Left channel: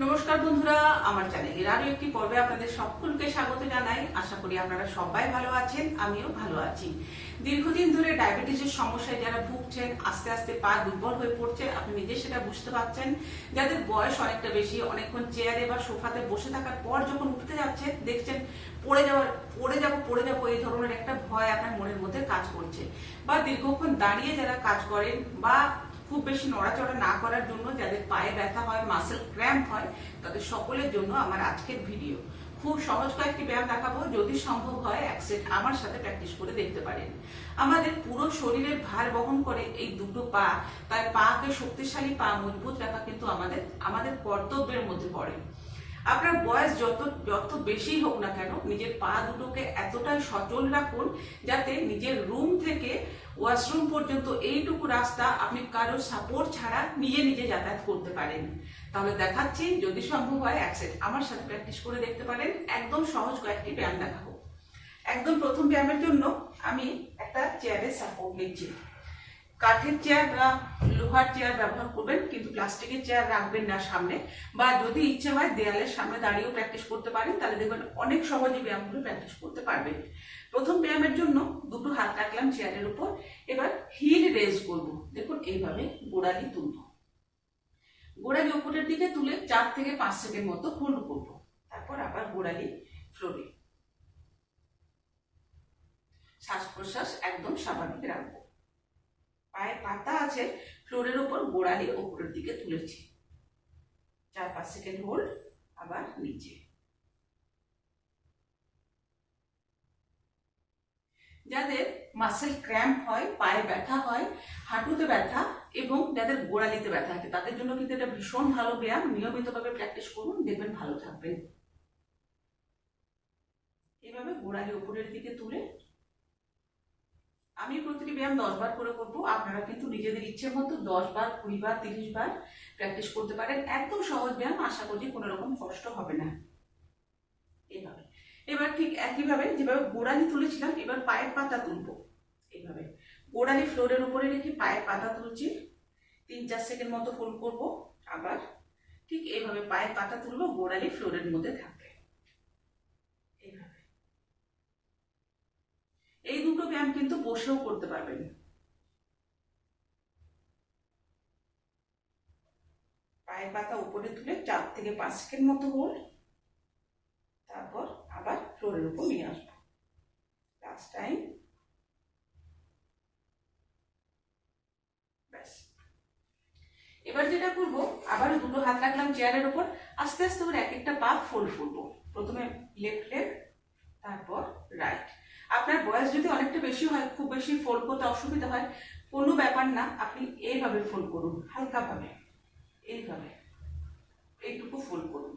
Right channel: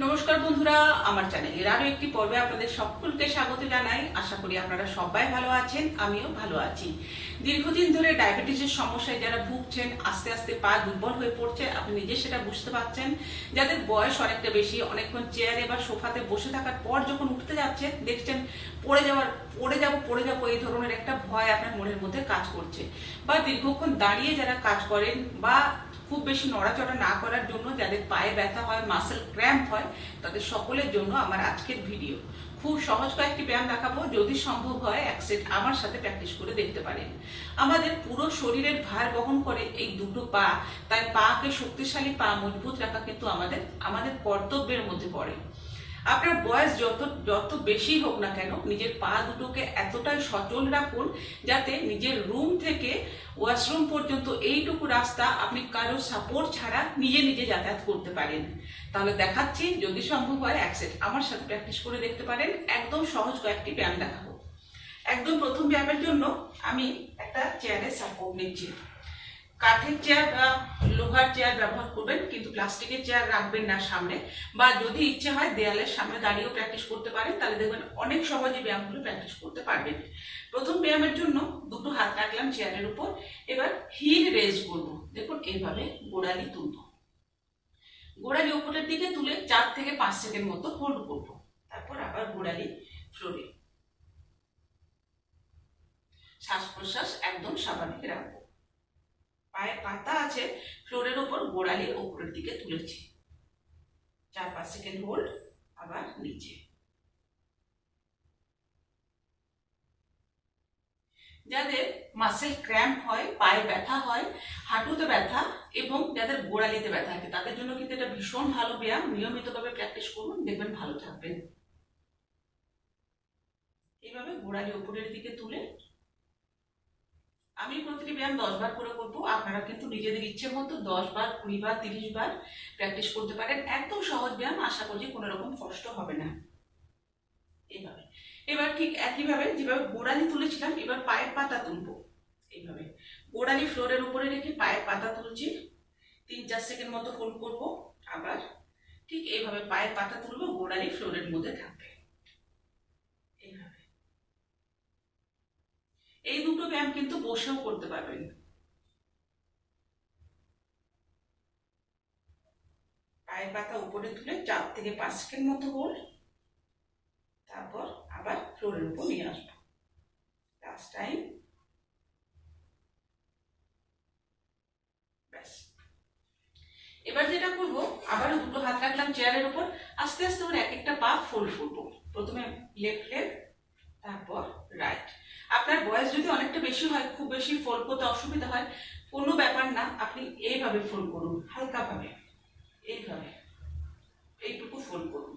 নমস্কার বন্ধুরা, আমার চ্যানেলের আরও একটি পর্বে আপনাদের সকলকে স্বাগত জানাই। আশা করি আপনারা সবাই ভালো আছেন, আমিও ভালো আছি। দীর্ঘদিন ধরে ডায়াবেটিসের সমস্যায় যারা ভুগছেন, আস্তে আস্তে পা দুর্বল হয়ে পড়ছে, আপনি নিজে সেটা বুঝতে পারছেন। যাদের বয়স অনেকটা বেশি, অনেকক্ষণ চেয়ারে বা সোফাতে বসে থাকার পর যখন উঠতে যাচ্ছে দেখছেন পড়ে যাওয়ার, পড়ে যাব পড়ে যাব, এই ধরনের একটা ভয় আপনার মনের মধ্যে কাজ করছে। বা দীর্ঘক্ষণ দাঁড়িয়ে যারা কাজ করেন বা খুব বেশি নড়াচড়া না করার জন্য যাদের পায়ে ব্যথা হয় মাসেল ক্র্যাম্প হয়, তাদের সকলের জন্য আমার আজকের ভিডিও খুব সহজ কয়েকটি ব্যায়াম দেখাবো, যদি সম্ভব হয় এক সেট আমার সাথে প্র্যাকটিস করে দেখতে পারেন। আমাদের পুরো শরীরের ভার বহন করে এই দুটো পা, তাই পাকে শক্তিশালী পা মজবুত রাখা কিন্তু আমাদের আমাদের কর্তব্যের মধ্যে পড়ে। আপনার বয়স যত যত বেশি হোক না কেন, নিজের পা দুটোকে এতটাই সচল রাখুন যাতে নিজের রুম থেকে ওয়াশরুম পর্যন্ত এইটুকু রাস্তা আপনি কারও সাপোর্ট ছাড়া নিজে নিজে যাতায়াত করতে পারেন। তাহলে দেখাচ্ছি, যদি সম্ভব হয়, এক আমার সাথে প্র্যাকটিস করে দেখতে পারেন। একদম সহজ কয়েকটি ব্যায়াম দেখাবো। একদম প্রথম ব্যায়ামের জন্য আমি একটা চেয়ারের সাপোর্ট নিচ্ছি। কাঠের চেয়ার বা লোহার চেয়ার ব্যবহার করবেন, কিন্তু প্লাস্টিকের চেয়ার রাখবেন না সামনে। বা যদি ইচ্ছে হয় দেয়ালের সামনে দাঁড়িয়েও প্র্যাকটিস করতে পারেন, তাহলে দেখবেন অনেক সহজে ব্যায়ামগুলো প্র্যাকটিস করতে পারবেন। প্রথম ব্যায়ামের জন্য দুটো হাত রাখলাম চেয়ারের উপর। এবার হিল রেজ করব। দেখুন এইভাবে গোড়ালি তুলব। গোড়ালি উপরের দিকে তুলে চার থেকে পাঁচ সেকেন্ড মতো হোল্ড করব। তারপর আবার গোড়ালি ফ্লোরে শ্বাস প্রশ্বাস একদম স্বাভাবিক রাখব। পায়ে পাতা আছে ফ্লোরের উপর গোড়ালি উপরের দিকে তুলেছি। চার পাঁচ সেকেন্ড হোল্ড আবার নিচে। যাদের মাসেল ক্র্যাম্প হয়, পায়ে ব্যথা হয়, হাঁটুতে ব্যথা এবং যাদের গোড়ালিতে ব্যথা থাকে, তাদের জন্য কিন্তু এটা ভীষণ ভালো ব্যায়াম। নিয়মিতভাবে প্র্যাকটিস করুন, দেখবেন ভালো থাকবেন। এইভাবে গোড়ালি উপরের দিকে তুলে আমি প্রতিটি ব্যায়াম দশ বার করে করব। আপনারা কিন্তু নিজেদের ইচ্ছে মতো দশ বার, কুড়ি বার, তিরিশ বার প্র্যাকটিস করতে পারেন। একদম সহজ ব্যায়াম, আশা করছি কোনো রকম কষ্ট হবে না। এইভাবে এবার ঠিক একইভাবে যেভাবে গোড়ালি তুলেছিলাম, এবার পায়ের পাতা তুলবো। এইভাবে গোড়ালি ফ্লোরের উপরে রেখে পায়ের পাতা তুলছি। তিন চার সেকেন্ড মতো হোল্ড করব। আবার ঠিক এইভাবে পায়ের পাতা তুলবো, গোড়ালি ফ্লোরের মধ্যে থাকবে এইভাবে এই দুটো ব্যায়াম কিন্তু বসেও করতে পারবেন। পায়ের পাতা উপরে তুলে চার থেকে পাঁচ সেকেন্ড মতো হোল্ড তারপর আবার ফ্লোরের উপর নিয়ে আসব। লাস্ট টাইম এবার যেটা করব, আবারও দুটো হাত রাখলাম চেয়ারের উপর, আস্তে আস্তে করে এক একটা পা ফোল্ড করব। প্রথমে লেফট লেগ তারপর রাইট আপনার বয়স যদি অনেকটা বেশি হয়, খুব বেশি ফোল্ড করতে অসুবিধা হয়, কোনো ব্যাপার না, আপনি এইভাবে ফোল্ড করুন, হালকাভাবে, এইভাবে, এইটুকু ফোল্ড করুন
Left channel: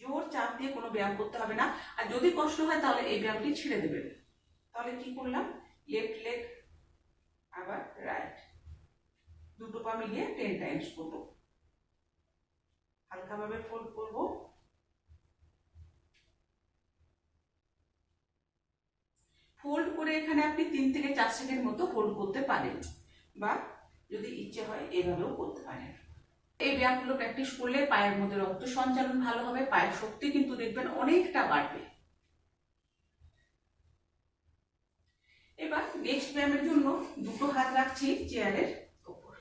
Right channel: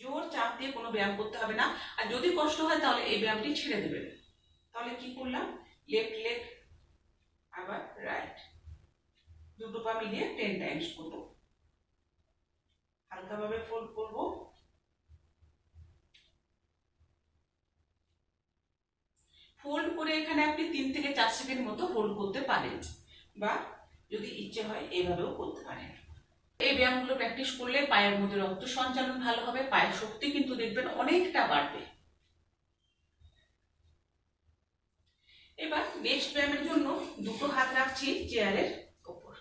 জোর চাপ দিয়ে কোনো ব্যায়াম করতে হবে না, আর যদি কষ্ট হয় তাহলে এই ব্যায়ামটি ছেড়ে দেবেন। তাহলে কি করলাম? লেফট লেগ আবার রাইট দুটো পা মিলিয়ে টেন টাইমস করব। হালকাভাবে ফোল্ড করব ফোল্ড করে এখানে আপনি তিন থেকে চার সেকেন্ড মতো হোল্ড করতে পারেন। বা যদি ইচ্ছে হয় এভাবেও করতে পারেন। এই ব্যায়ামগুলো প্র্যাকটিস করলে পায়ের মধ্যে রক্ত সঞ্চালন ভালো হবে, পায়ের শক্তি কিন্তু দেখবেন অনেকটা বাড়বে। এবার নেক্সট ব্যায়ামের জন্য দুটো হাত রাখছি চেয়ারের ওপর।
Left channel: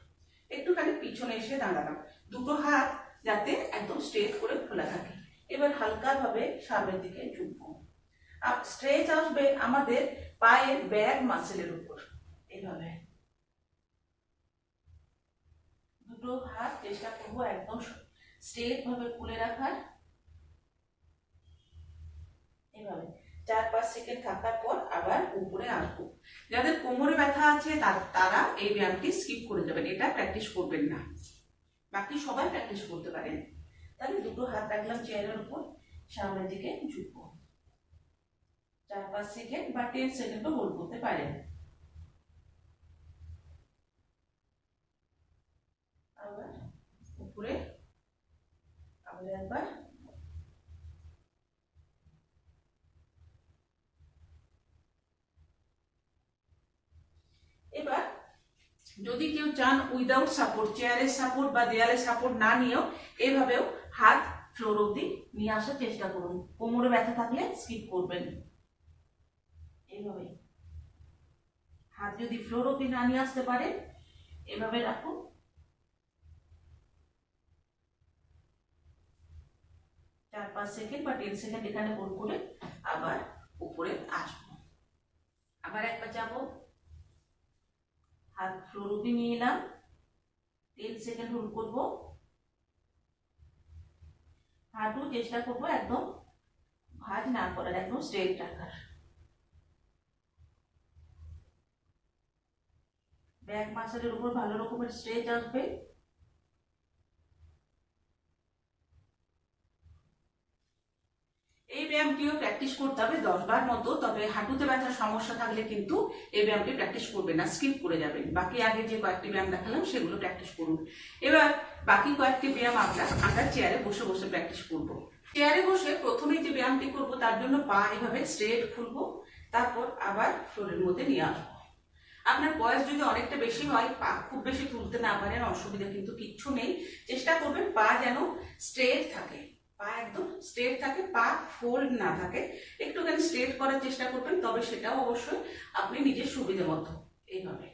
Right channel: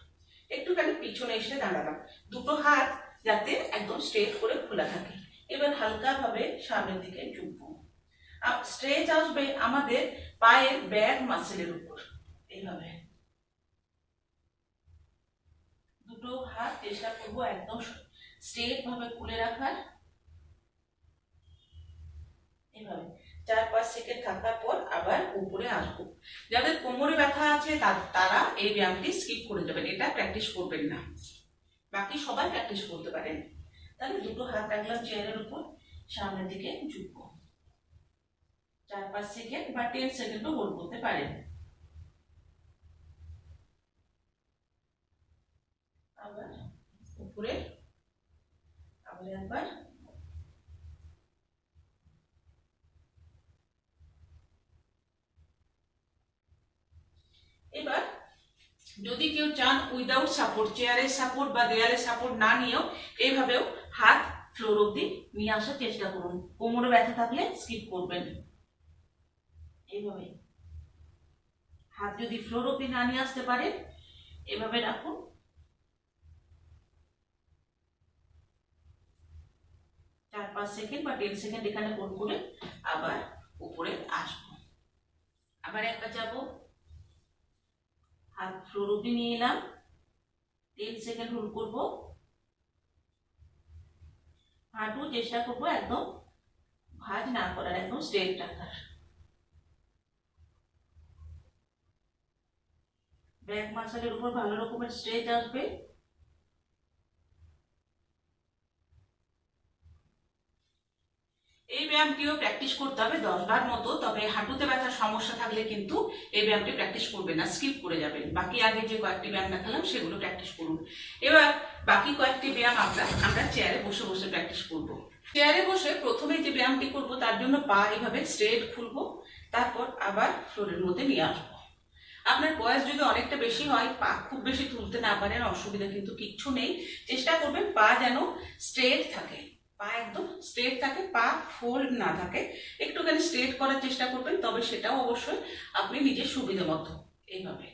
একটুখানি পিছনে এসে দাঁড়ালাম। দুটো হাত যাতে একদম স্ট্রেট করে খোলা থাকে। এবার হালকাভাবে সামনের দিকে ঝুঁকবো। স্ট্রেচ আসবে আমাদের পায়ের ব্যাক মাসেলের উপর। এইভাবে। দুটো হাত চেষ্টা করব একদম স্ট্রেট ভাবে খুলে রাখার। এইভাবে। চার পাঁচ সেকেন্ড থাকার পর আবার উপরে আসব। যাদের কোমরে ব্যথা আছে তারা এই ব্যায়ামটি স্কিপ করে দেবেন। এটা প্র্যাকটিস করবেন না। বাকি সবাই প্র্যাকটিস করতে পারেন। তাহলে দুটো হাত রাখলাম চেয়ারের উপর। সামনের দিকে ঝুঁকবো। চার, পাঁচ সেকেন্ড বা টেন সেকেন্ডও হোল্ড করতে পারেন। আবার উপরে, আবার একবার। এবার যদি কেউ চান উইদাউট সাপোর্ট চেয়ারের সাপোর্ট বা দেয়ালের সাপোর্ট না নিয়েও এইভাবেও হাত ফ্লোর অব্দি নিয়ে আসার চেষ্টা করুন। কোমরে ব্যথা থাকলে স্কিপ করবেন। এইভাবে হাত যদি ফ্লোর অব্দি না নিয়ে আসতে পারেন এভাবে রাখুন। চার পাঁচ সেকেন্ড বা টেন সেকেন্ড এখানে হোল্ড করে আবার উপরে আসব। আবার একবার যাব। হাত ফ্লোর অব্দি নিয়ে এলাম। টেন সেকেন্ড হোল্ড করব। হাঁটু চেষ্টা করব একদম ভাঁজ না করার, একদম স্ট্রেট রাখার। ব্যাক মাসেলের উপর ভালো রকমের স্ট্রেচ আসবে। এই ব্যায়ামটিও প্র্যাকটিস করতে হবে দশ বার মতো, তবে হাঁটুতে ব্যথার সমস্যা থাকলে কিন্তু এই ব্যায়ামটি প্র্যাকটিস করবে না, স্কিপ করে যাবেন বাকি আগে যে কয়েকটি ব্যায়াম দেখালাম, সেগুলো প্র্যাকটিস করুন। এবার বাকি কয়েকটি ব্যায়াম আমরা আমরা চেয়ারে বসে বসে প্র্যাকটিস করব। চেয়ারে বসে প্রথমে যে ব্যায়ামটি করব, তার জন্য পা এভাবে স্ট্রেট খুলবো, তারপর আবার ফ্লোরের মধ্যে নিয়ে আসব। আপনার বয়স যদি অনেকটা বেশি হয়, পা খুব বেশি তুলতে না পারেন, অসুবিধা কিন্তু কিচ্ছু নেই। চেষ্টা করবেন পা যেন স্ট্রেট থাকে। পা একদম স্ট্রেট থাকে, পা ফোল্ড না থাকে। একটুখানি স্ট্রেট করার চেষ্টা করবেন, তবে সেটাও অবশ্যই আপনি নিজের সুবিধা মতো এইভাবে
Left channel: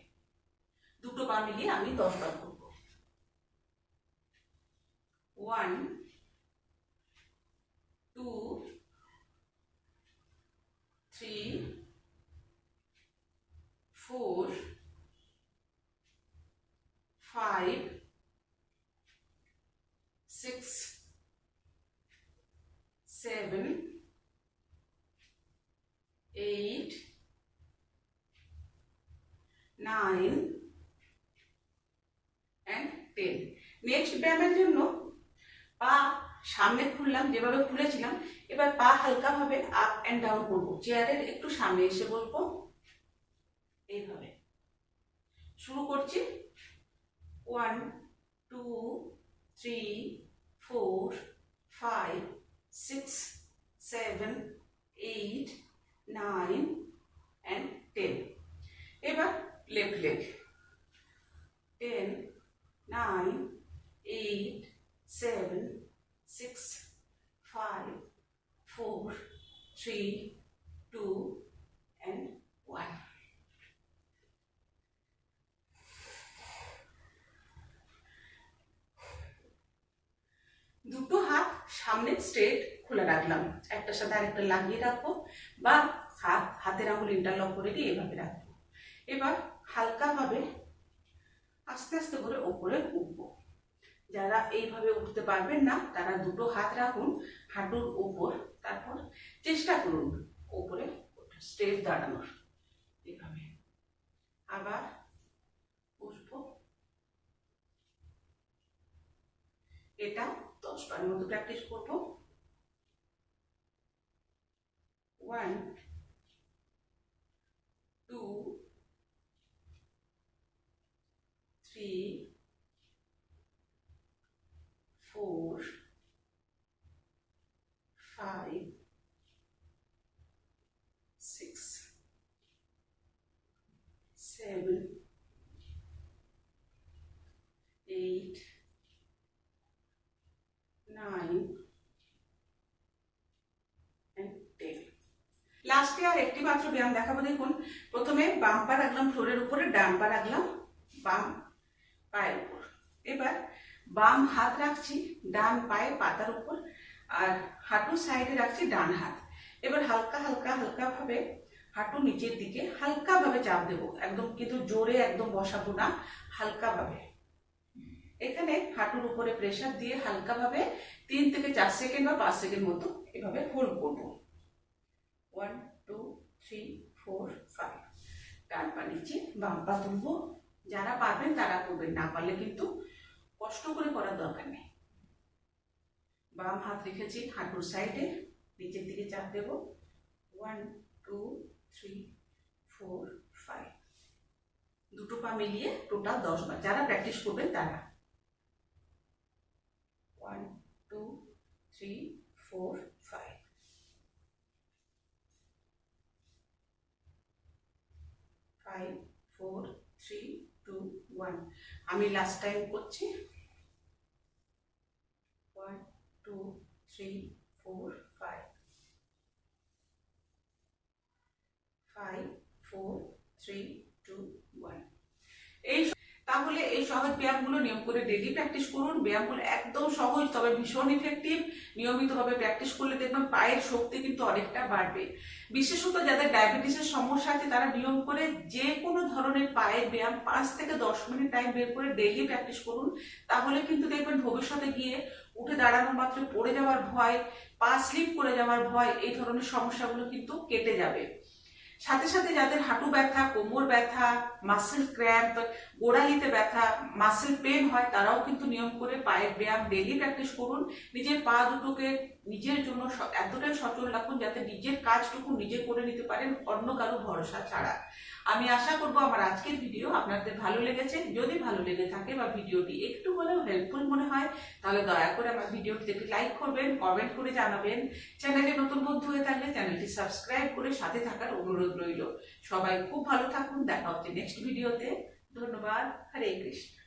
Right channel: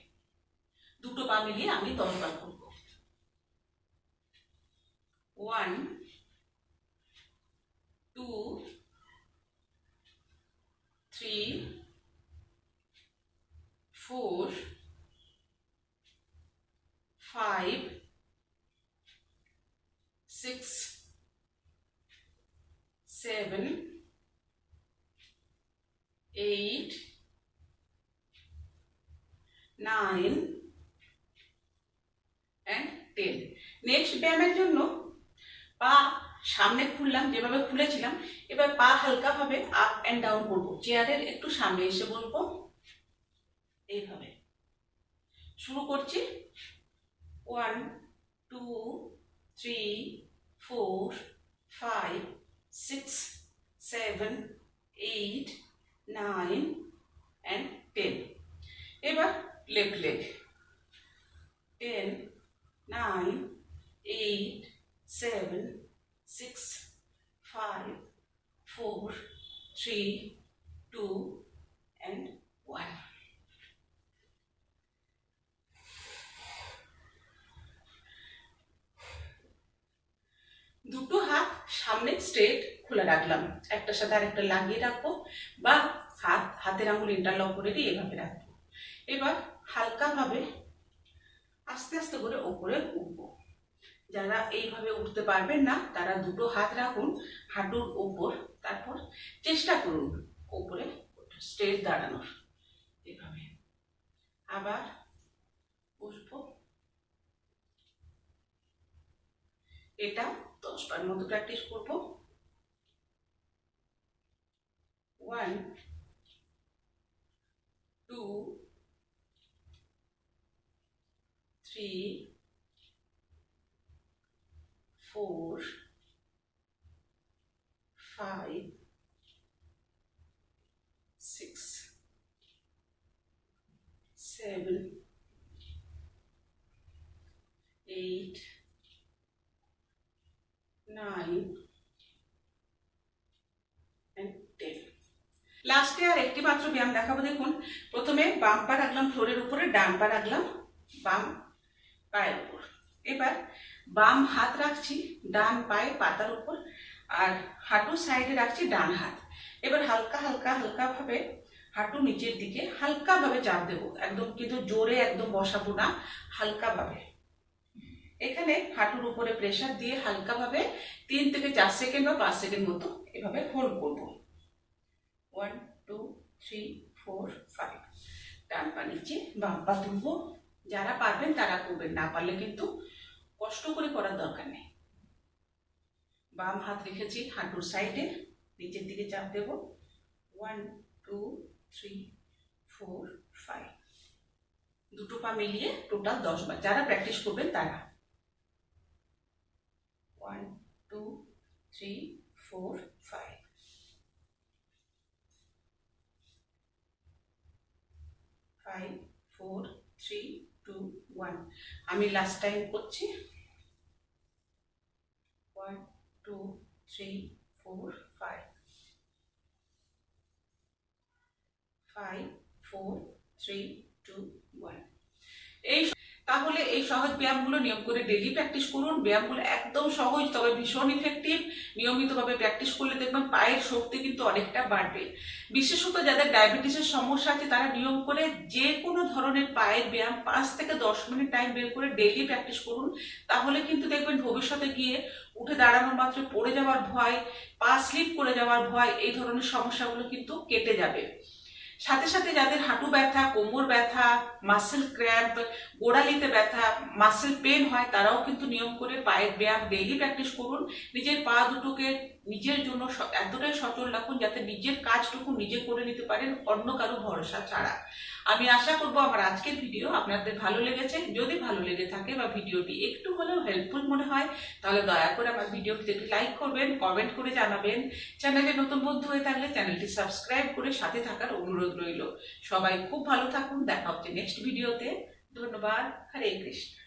দুটো পা মিলিয়ে আমি দশ বার করব। One two three four, five, six, seven, eight, nine, and ten. Next ব্যায়ামের জন্য পা সামনে খুললাম যেভাবে খুলেছিলাম এবার পা হালকাভাবে আপ অ্যান্ড ডাউন করব চেয়ারের একটু সামনে এসে বলব এইভাবে। শুরু করছি। One two three four five six seven eight nine and ten এবার left leg ten nine eight seven six five four three two and one দুটো হাত সামনে স্ট্রেট খুলে রাখলাম। একটার সাথে আরেকটা লাগিয়ে রাখব বা হাত, হাতের আঙুল ইন্টারলক করে দিয়ে এভাবে রাখব। এবার হালকাভাবে আস্তে আস্তে করে ওপরে উঠবো। যারা এইভাবে উঠতে পারবেন না, তারা দুটো হাত রাখুন হাঁটুর ওপর। তারপর চেষ্টা করুন ওপরে স্ট্রেট দাঁড়ানোর। এভাবে। আবার বসবো। এটা দশ বার মতো প্র্যাকটিস করব one two three four five six seven eight nine ten লাস্টে আর একটি মাত্র ব্যায়াম দেখাবো, দেখুন। প্রথমে বাম পা রাখলাম ফ্লোরের উপরে, ডান পা রাখলাম বাম পায়ের উপর। এবার বাম হাত রাখছি ডান পায়ে পাতার উপর আর হাঁটু সাইডে রাখছি ডান হাত। এবার হালকা হালকা হালকা ভাবে হাঁটু নিচের দিকে হালকাভাবে চাপ দেবো। একদম কিন্তু জোরে একদম বসাবো না, হালকাভাবে। এখানে হাঁটুর উপরে প্রেশার দিয়ে হালকাভাবে তিন থেকে চার সেকেন্ড বা পাঁচ সেকেন্ড মতো এভাবে হোল্ড করব। One two three four five পা নিচে বাম পা তুলবো যারা পারবেন তারা করবেন না পারলে কিন্তু কষ্ট করে করার দরকার নেই। বাম হাত রেখেছি হাঁটুর সাইডে নিচের দিকে চাপ দেব। One two three four five দুটো পা মিলিয়ে টোটাল দশ বার। যারা প্র্যাকটিস করবেন তারা। One, two, three, four, five. Five, four three two one আমি লাস্ট টাইম করছি। One two three four five five four three two one এই তাহলে এই সহজ ব্যায়ামগুলো নিয়ম করে ডেলি প্র্যাকটিস করুন। ব্যায়ামগুলো একদম সহজ, তবে ভীষণ ইফেক্টিভ নিয়মিতভাবে প্র্যাকটিস করলে দেখবেন পায়ের শক্তি কিন্তু অনেকটা বাড়বে। বিশেষত যাদের ডায়াবেটিসের সমস্যা আছে, তারা নিয়ম করে যে কোনো ধরনের পায়ের ব্যায়াম পাঁচ থেকে দশ মিনিট টাইম বের করে ডেলি প্র্যাকটিস করুন। তাহলে কিন্তু দেখবেন ভবিষ্যতে গিয়ে উঠে দাঁড়ানোর মাত্র পড়ে যাওয়ার ভয়, পা স্লিপ করে যাওয়ার ভয়, এই ধরনের সমস্যাগুলো কিন্তু কেটে যাবে। সাথে সাথে যাদের হাঁটু ব্যথা, কোমর ব্যথা মাসেল ক্র্যাম্প গোড়ালিতে ব্যথা মাসেল পেন হয়, তারাও কিন্তু নিয়ম করে পায়ের ব্যায়াম ডেইলি প্র্যাকটিস করুন। নিজের পা দুটোকে নিজের জন্য এতটাই সচল রাখুন যাতে নিজের কাজটুকু নিজে করে নিতে পারেন, অন্য কারও ভরসা ছাড়া। আমি আশা করব আমার আজকের ভিডিও আপনাদের ভালো লেগেছে। যদি ভালো লেগে থাকে বা ভিডিওটি একটু হলেও হেল্পফুল মনে হয়, তাহলে দয়া করে আমার ভিডিওটি একটু লাইক করবেন কমেন্ট করে জানাবেন। চ্যানেলে নতুন বন্ধু হয়ে থাকলে চ্যানেলটি সাবস্ক্রাইব করে সাথে থাকার অনুরোধ রইল। সবাই খুব ভালো থাকুন, দেখা হচ্ছে নেক্সট ভিডিওতে ধন্যবাদ, হরে কৃষ্ণ।